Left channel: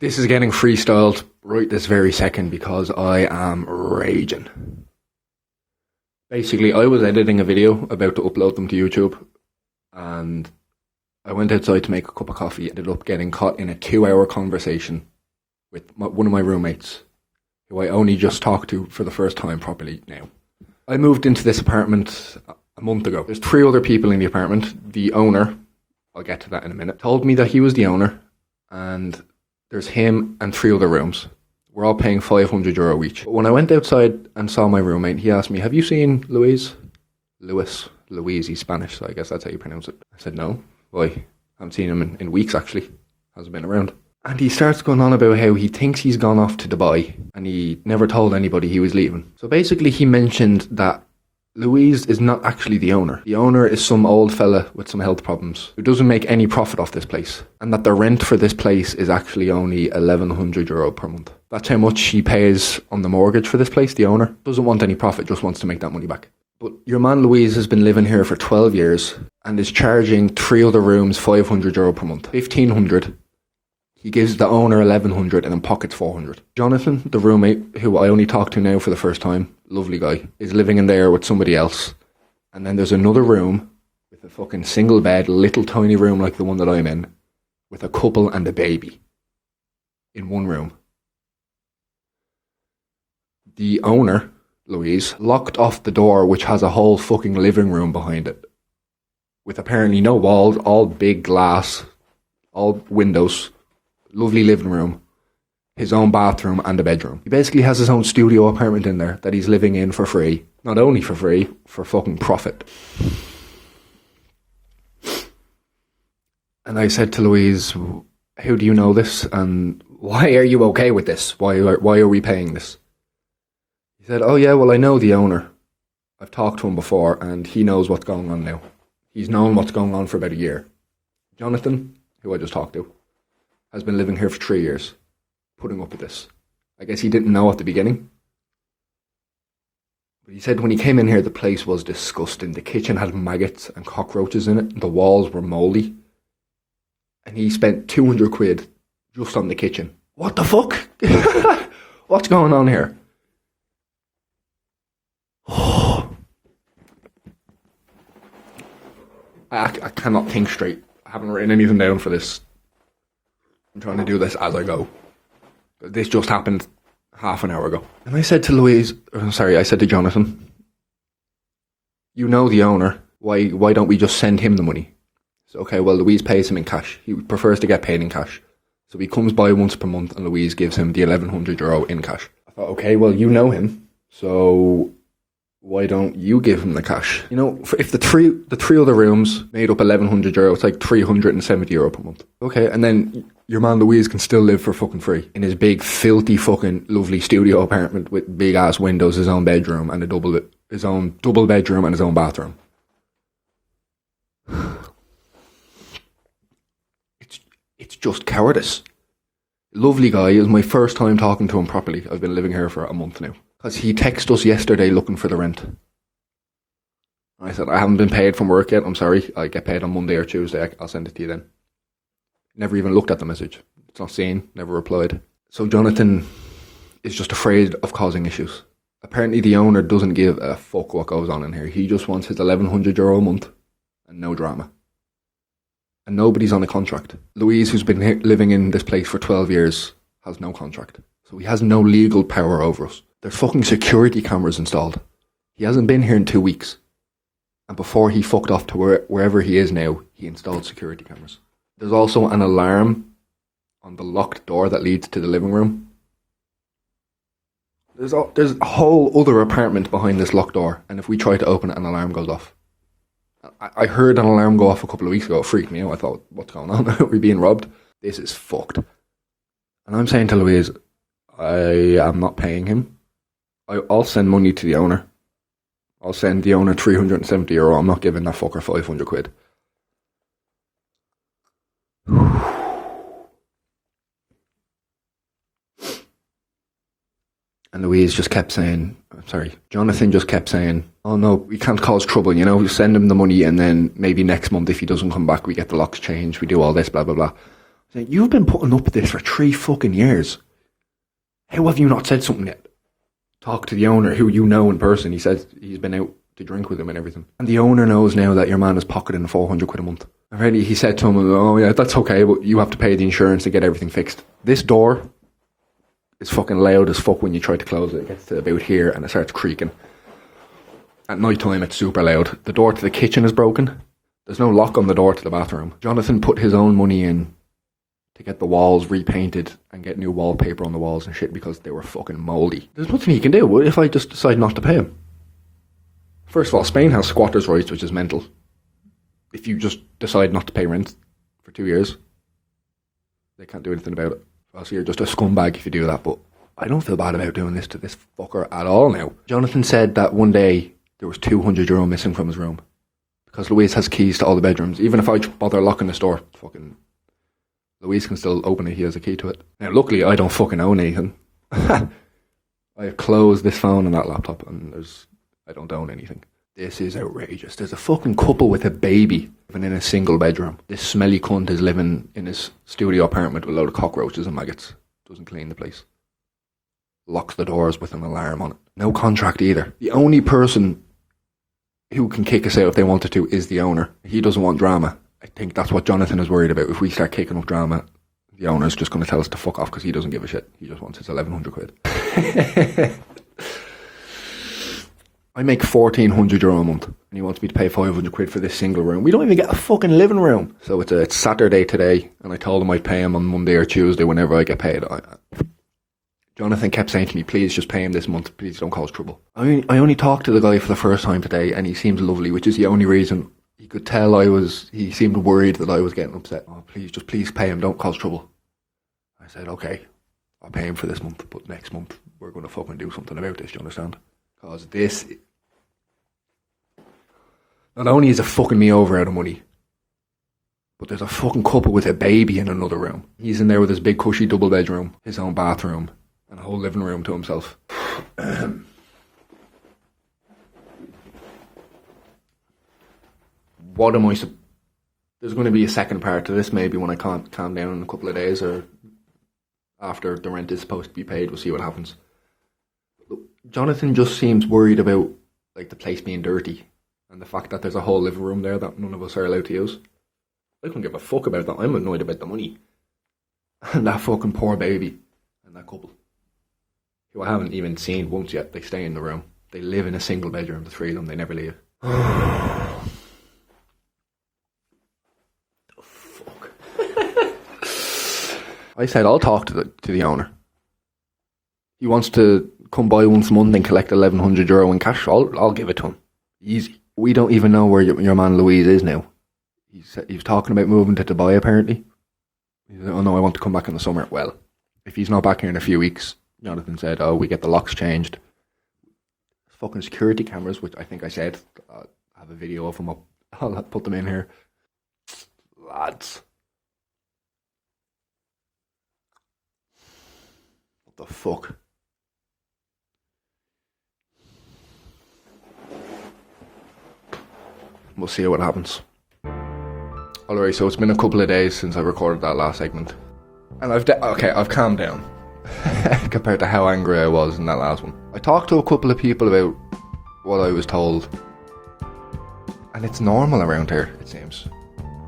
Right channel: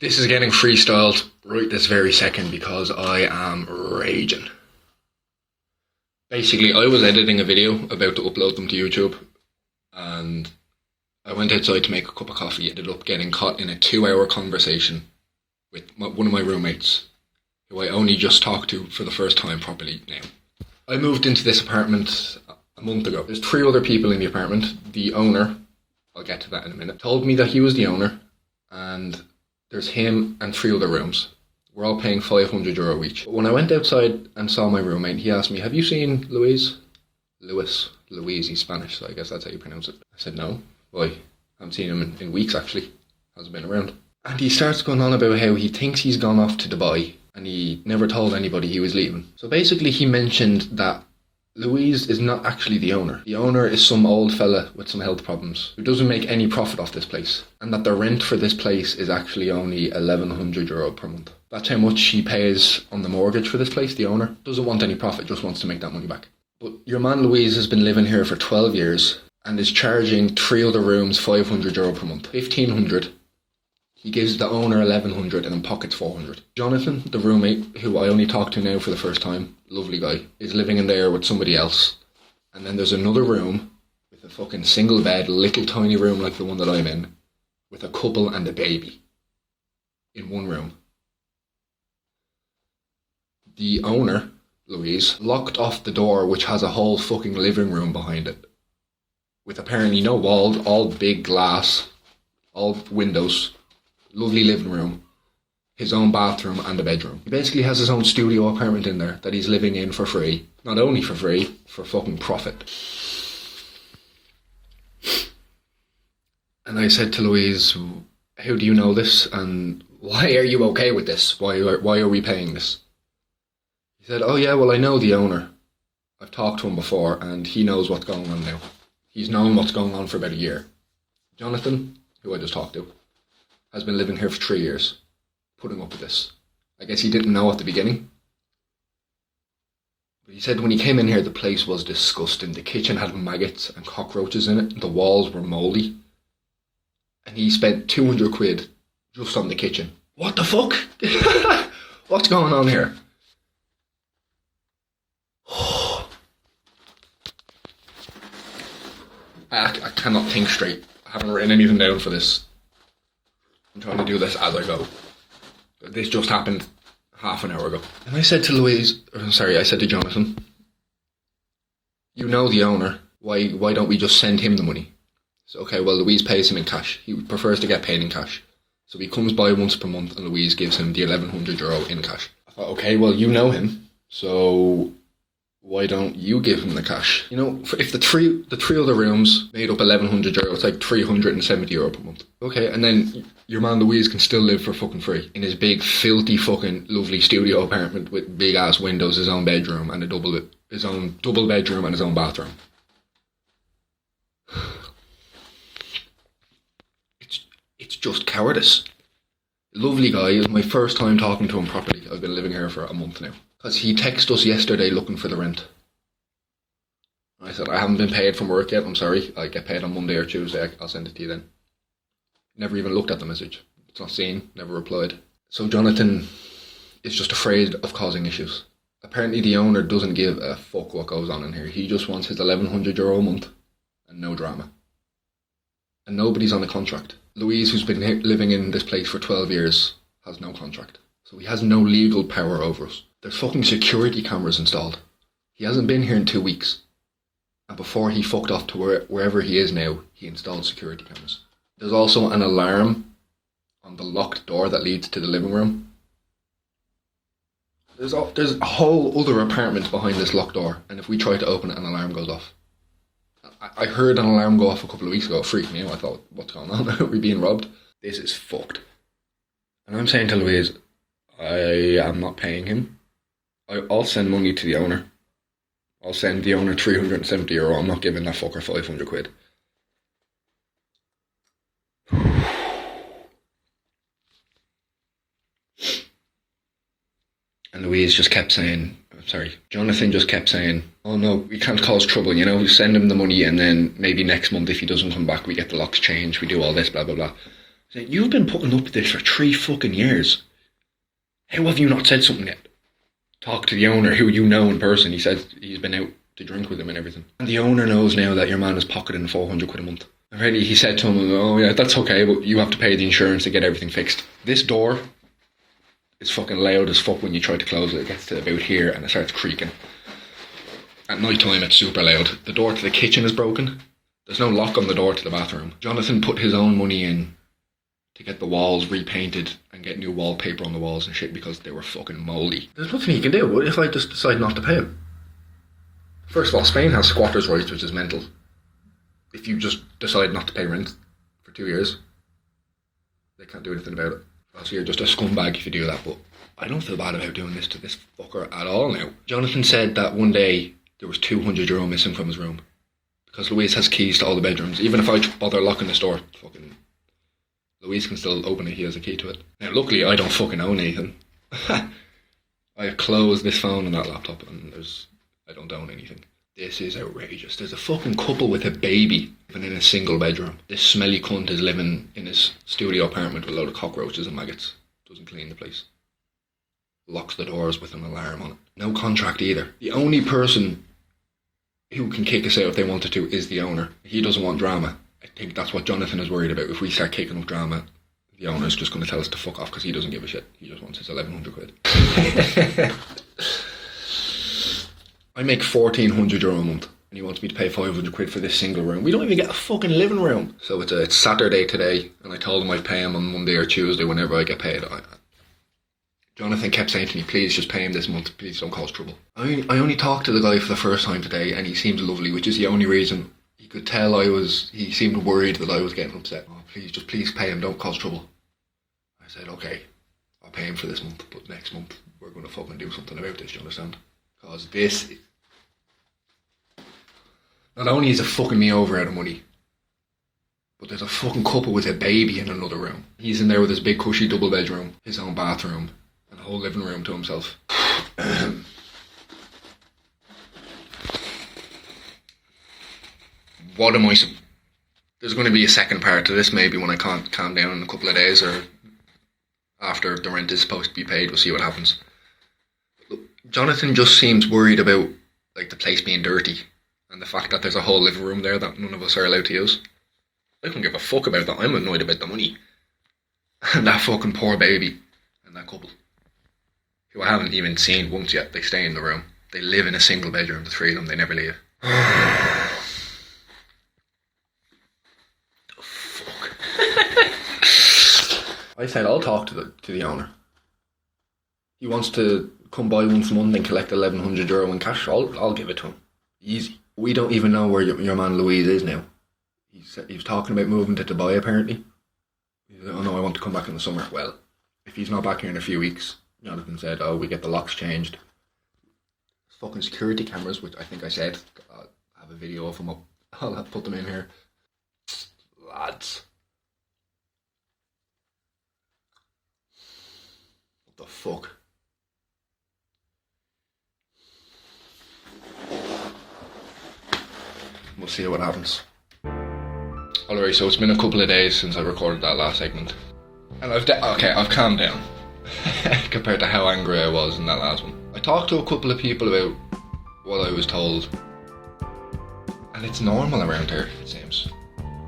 This is getting freestyled right this very second because I am raging. Basically, I was editing a video about to upload them to YouTube, and I went outside to make a cup of coffee. Ended up getting caught in a 2-hour conversation with one of my roommates, who I only just talked to for the first time properly now. I moved into this apartment a month ago. There's 3 other people in the apartment. The owner, I'll get to that in a minute, told me that he was the owner, and there's him and 3 other rooms. We're all paying €500 each. But when I went outside and saw my roommate, he asked me, "Have you seen Louise?" Louise, he's Spanish, so I guess that's how you pronounce it. I said, "No. Why? I haven't seen him in weeks, actually. Hasn't been around." And he starts going on about how he thinks he's gone off to Dubai, and he never told anybody he was leaving. So basically he mentioned that Louise is not actually the owner. The owner is some old fella with some health problems who doesn't make any profit off this place. And that the rent for this place is actually only €1,100 per month. That's how much he pays on the mortgage for this place, the owner. Doesn't want any profit, just wants to make that money back. But your man Louise has been living here for 12 years and is charging 3 other rooms €500 per month. 1,500. He gives the owner 1,100 and then pockets 400. Jonathan, the roommate, who I only talked to now for the first time, lovely guy, is living in there with somebody else. And then there's another room with a fucking single bed, little tiny room like the one that I'm in, with a couple and a baby in one room. The owner, Louise, locked off the door, which has a whole fucking living room behind it, with apparently no walls, all big glass, all windows. Lovely living room, his own bathroom and a bedroom. He basically has his own studio apartment in there that he's living in for free. Not only for free, for fucking profit. And I said to Louise, "How do you know this? And why are you okay with this? Why are we paying this?" He said, "Oh yeah, well I know the owner. I've talked to him before and he knows what's going on now. He's known what's going on for about a year. Jonathan, who I just talked to, has been living here for 3 years, putting up with this. I guess he didn't know at the beginning. But he said when he came in here, the place was disgusting. The kitchen had maggots and cockroaches in it. The walls were mouldy. And he spent £200 just on the kitchen. What the fuck? What's going on here?" I cannot think straight. I haven't written anything down for this. I'm trying to do this as I go. This just happened half an hour ago. And I said to Jonathan, "You know the owner. Why don't we just send him the money?" So, okay, well, Louise pays him in cash. He prefers to get paid in cash. So he comes by once per month and Louise gives him the €1,100 in cash. I thought, okay, well, you know him. So why don't you give him the cash? You know, if the three other rooms made up €1,100, it's like €370 per month. Okay, and then your man Louise can still live for fucking free in his big, filthy, fucking lovely studio apartment with big ass windows, his own bedroom and his own double bedroom and his own bathroom. It's just cowardice. Lovely guy. It was my first time talking to him properly. I've been living here for a month now. Because he texted us yesterday looking for the rent. I said, "I haven't been paid from work yet, I'm sorry. I get paid on Monday or Tuesday, I'll send it to you then." Never even looked at the message. It's not seen, never replied. So Jonathan is just afraid of causing issues. Apparently the owner doesn't give a fuck what goes on in here. He just wants his €1,100 a month and no drama. And nobody's on a contract. Louise, who's been living in this place for 12 years, has no contract. So he has no legal power over us. There's fucking security cameras installed. He hasn't been here in 2 weeks. And before he fucked off to wherever he is now, he installed security cameras. There's also an alarm on the locked door that leads to the living room. There's a whole other apartment behind this locked door, and if we try to open it, an alarm goes off. I heard an alarm go off a couple of weeks ago. It freaked me out. I thought, what's going on? Are we being robbed? This is fucked. And I'm saying to Louise, I am not paying him. I'll send money to the owner. I'll send the owner €370. I'm not giving that fucker £500. And Louise just kept saying, Jonathan just kept saying, "Oh no, we can't cause trouble, you know, we send him the money and then maybe next month if he doesn't come back we get the locks changed, we do all this, blah blah blah." Said, you've been putting up with this for 3 fucking years. How have you not said something yet? Talk to the owner, who you know in person. He says he's been out to drink with him and everything. And the owner knows now that your man is pocketing 400 quid a month. Already he said to him, oh yeah, that's okay, but you have to pay the insurance to get everything fixed. This door is fucking loud as fuck when you try to close it. It gets to about here and it starts creaking. At night time it's super loud. The door to the kitchen is broken. There's no lock on the door to the bathroom. Jonathan put his own money in to get the walls repainted and get new wallpaper on the walls and shit because they were fucking mouldy. There's nothing he can do. What if I just decide not to pay him? First of all, Spain has squatters' rights, which is mental. If you just decide not to pay rent for 2 years, they can't do anything about it. Also, you're just a scumbag if you do that, but I don't feel bad about doing this to this fucker at all now. Jonathan said that one day there was €200 missing from his room because Louise has keys to all the bedrooms. Even if I bother locking this door, fucking Louise can still open it. He has a key to it. Now, luckily, I don't fucking own anything. I've closed this phone and that laptop, and I don't own anything. This is outrageous. There's a fucking couple with a baby living in a single bedroom. This smelly cunt is living in his studio apartment with a load of cockroaches and maggots. Doesn't clean the place. Locks the doors with an alarm on it. No contract either. The only person who can kick us out if they wanted to is the owner. He doesn't want drama. I think that's what Jonathan is worried about. If we start kicking up drama, the owner's just going to tell us to fuck off because he doesn't give a shit. He just wants his 1,100 quid. I make €1,400 a month and he wants me to pay 500 quid for this single room. We don't even get a fucking living room. So it's Saturday today and I told him I'd pay him on Monday or Tuesday whenever I get paid. Jonathan kept saying to me, please just pay him this month, please don't cause trouble. I only talked to the guy for the first time today and he seems lovely, which is the only reason. He could tell he seemed worried that I was getting upset. Oh, please pay him, don't cause trouble. I said, okay, I'll pay him for this month, but next month we're going to fucking do something about this, do you understand? Because this, not only is it fucking me over out of money, but there's a fucking couple with a baby in another room. He's in there with his big cushy double bedroom, his own bathroom, and a whole living room to himself. What am I... There's going to be a second part to this maybe when I can't calm down in a couple of days or after the rent is supposed to be paid. We'll see what happens. Look, Jonathan just seems worried about like the place being dirty and the fact that there's a whole living room there that none of us are allowed to use. I couldn't give a fuck about that. I'm annoyed about the money. And that fucking poor baby and that couple, who I haven't even seen once yet. They stay in the room. They live in a single bedroom, the three of them. They never leave. I said I'll talk to the owner. He wants to come by once a month and collect €1,100 in cash. I'll give it to him. Easy. We don't even know where your man Louise is now. He's talking about moving to Dubai apparently. He said, oh no, I want to come back in the summer. Well, if he's not back here in a few weeks, Jonathan said, oh, we get the locks changed. Fucking security cameras, which I think I said. I'll have a video of them up. I'll put them in here. Lads. What the fuck? We'll see what happens. Alright, so it's been a couple of days since I recorded that last segment. And I've calmed down. Compared to how angry I was in that last one. I talked to a couple of people about what I was told. And it's normal around here, it seems.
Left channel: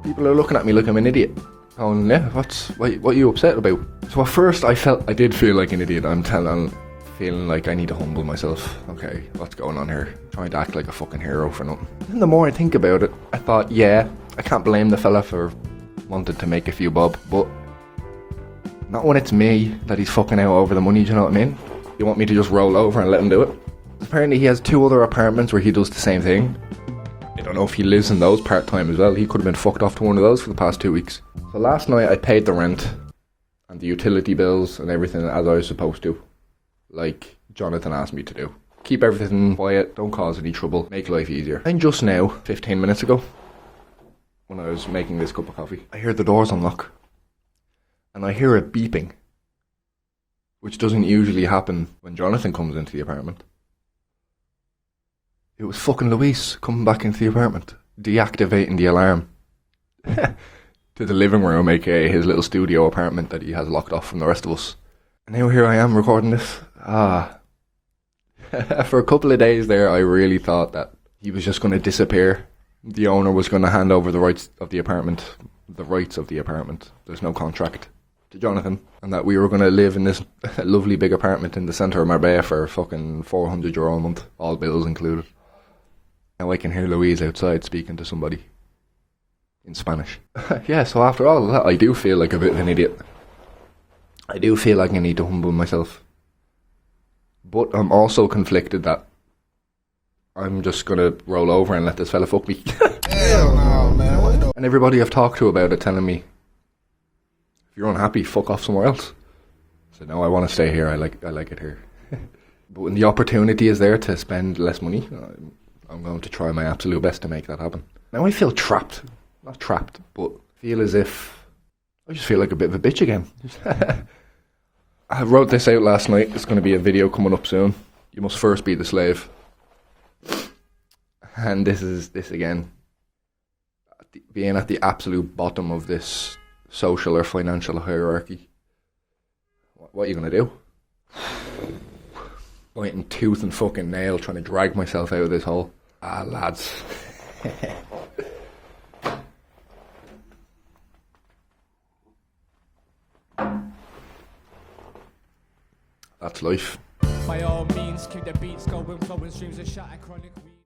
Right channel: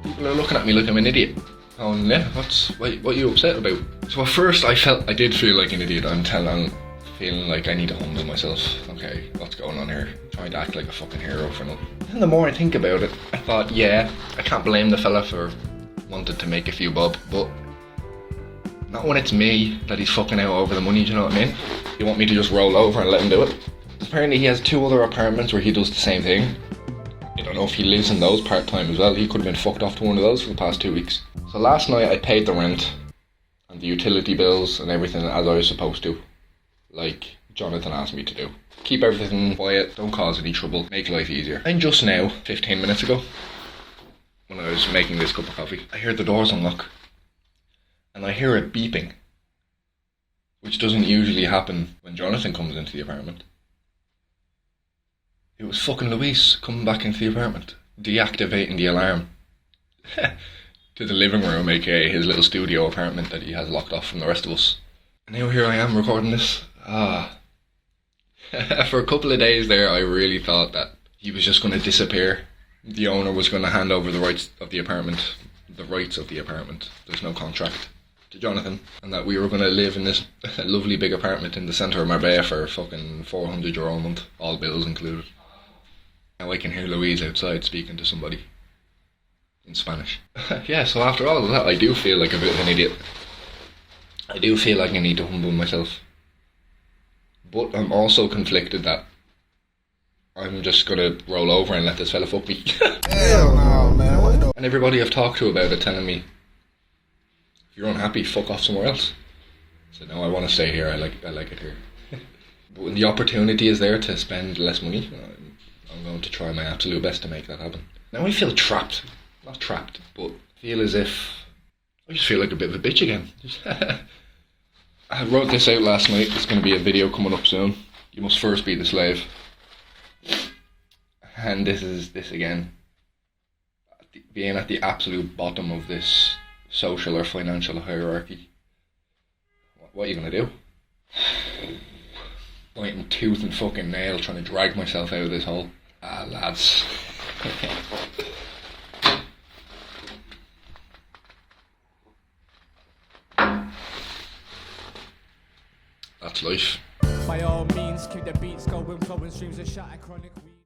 People are looking at me like I'm an idiot. Going, yeah, what are you upset about? So at first I did feel like an idiot. I'm feeling like I need to humble myself. Okay, what's going on here? I'm trying to act like a fucking hero for nothing. And the more I think about it, I thought, yeah, I can't blame the fella for wanting to make a few bob, but not when it's me that he's fucking out over the money, do you know what I mean? You want me to just roll over and let him do it? Apparently he has 2 other apartments where he does the same thing. I don't know if he lives in those part-time as well. He could have been fucked off to one of those for the past 2 weeks. So last night I paid the rent and the utility bills and everything as I was supposed to. Like Jonathan asked me to do. Keep everything quiet, don't cause any trouble, make life easier. And just now, 15 minutes ago, when I was making this cup of coffee, I hear the doors unlock. And I hear it beeping, which doesn't usually happen when Jonathan comes into the apartment. It was fucking Louise coming back into the apartment, deactivating the alarm. to the living room, aka his little studio apartment that he has locked off from the rest of us. And now here I am recording this. For a couple of days there, I really thought that he was just going to disappear. The owner was going to hand over the rights of the apartment. There's no contract, to Jonathan, and that we were going to live in this lovely big apartment in the centre of Marbella for fucking €400 a month, all bills included. Now I can hear Louise outside speaking to somebody in Spanish. Yeah, so after all of that, I do feel like a bit of an idiot. I do feel like I need to humble myself. But I'm also conflicted that I'm just gonna roll over and let this fella fuck me. Hell no, man. What the? And everybody I've talked to about it telling me, if you're unhappy, fuck off somewhere else. So no, I want to stay here. I like it here. But when the opportunity is there to spend less money, I'm going to try my absolute best to make that happen. Now I feel trapped. Not trapped, but feel as if I just feel like a bit of a bitch again. I wrote this out last night. There's going to be a video coming up soon. You must first be the slave. And this is this again. Being at the absolute bottom of this social or financial hierarchy. What are you going to do? Biting tooth and fucking nail trying to drag myself out of this hole. Lads. That's life. By all means, keep the beats going, flowing streams of shatter chronic.